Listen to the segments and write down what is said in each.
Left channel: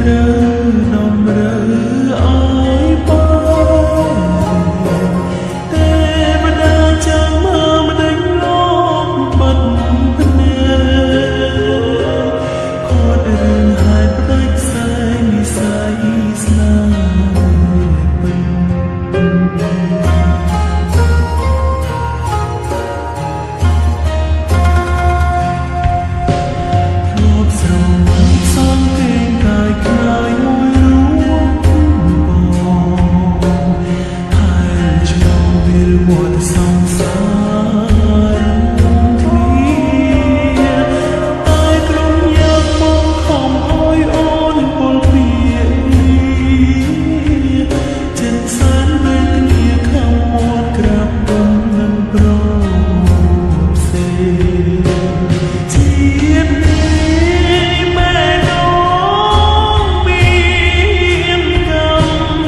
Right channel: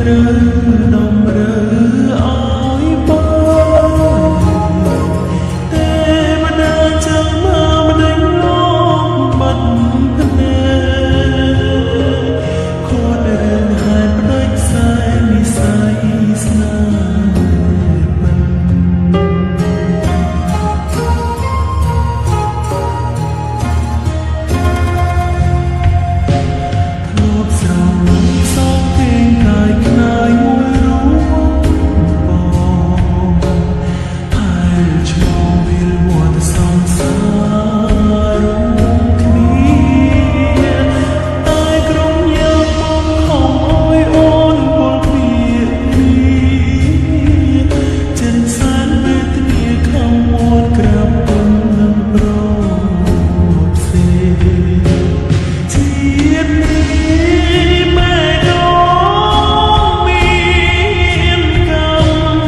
ត្រូវដំរើឲ្យបានទេវតាចាំមកម្ដេចលោកបាត់ភ្នែកខត់រឿងហេតុផ្ដាច់ខ្សែនិស័យស្នេហ៍ពិនធ្លាប់ស្រមៃសងកេងកាយខ្នាយមួយរួងបងហែលឆ្លងវិលវត្តសង្សាររួមគ្នាតែក្រុមយ៉ាងមកខំអើយអូនពលពីលីចិនសានវេទនាខំមាត់ក្រាបពំនឹងប្រសេជាតិនេះម៉ែនងមានកម្ម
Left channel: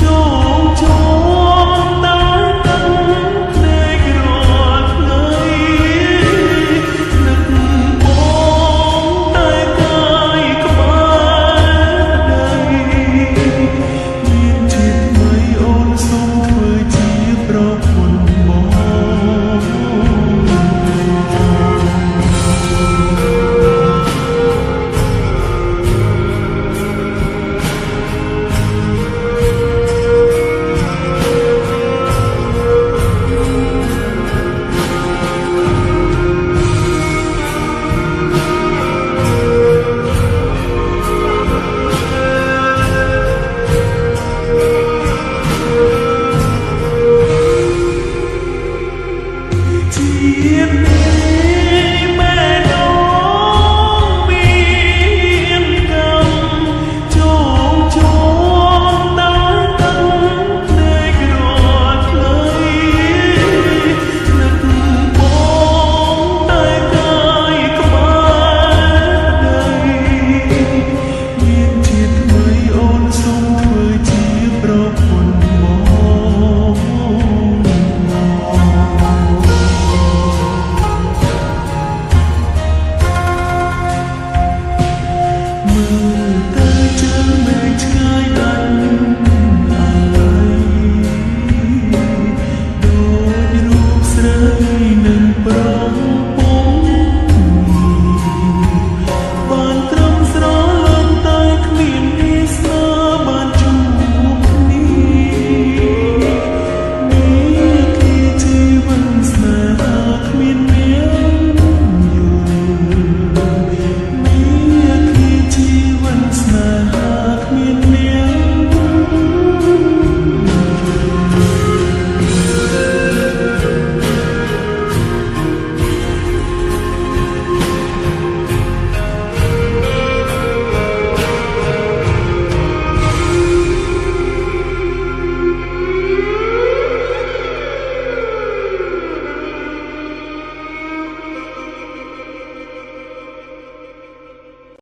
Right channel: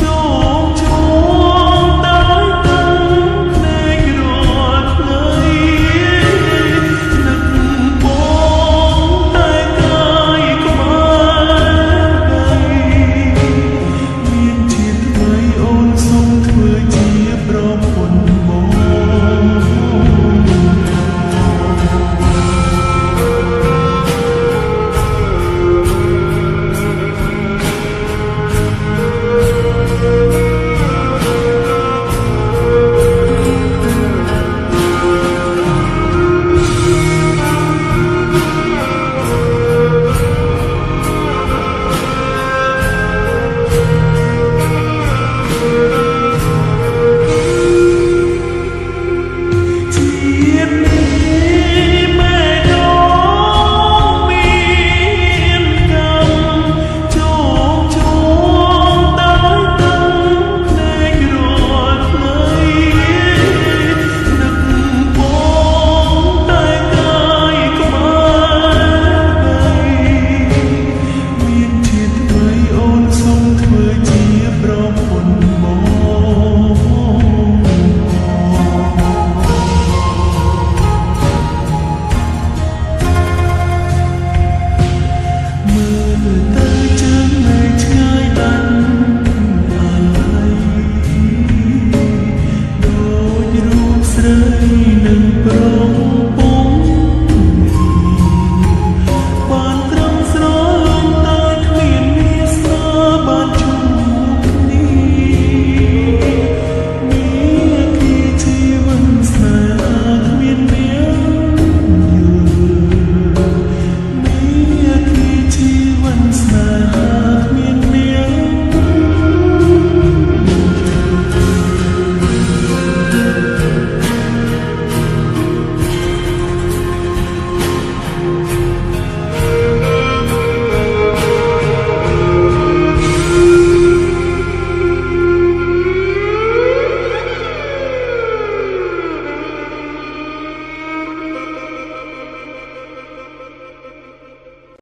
ជោគជ័យដោយទឹកភ្នែករាល់ថ្ងៃនឹកបងតែកាយក្បែរប្តីមានជាតិថ្មីអូនសូមធ្វើជាប្រពន្ធបង ជាតិនេះម៉ែនងមានកម្មជោគជ័យដោយទឹកភ្នែករាល់ថ្ងៃនឹកបងតែកាយក្បែរប្តីមានជាតិថ្មីអូនសូមធ្វើជាប្រពន្ធបង មើល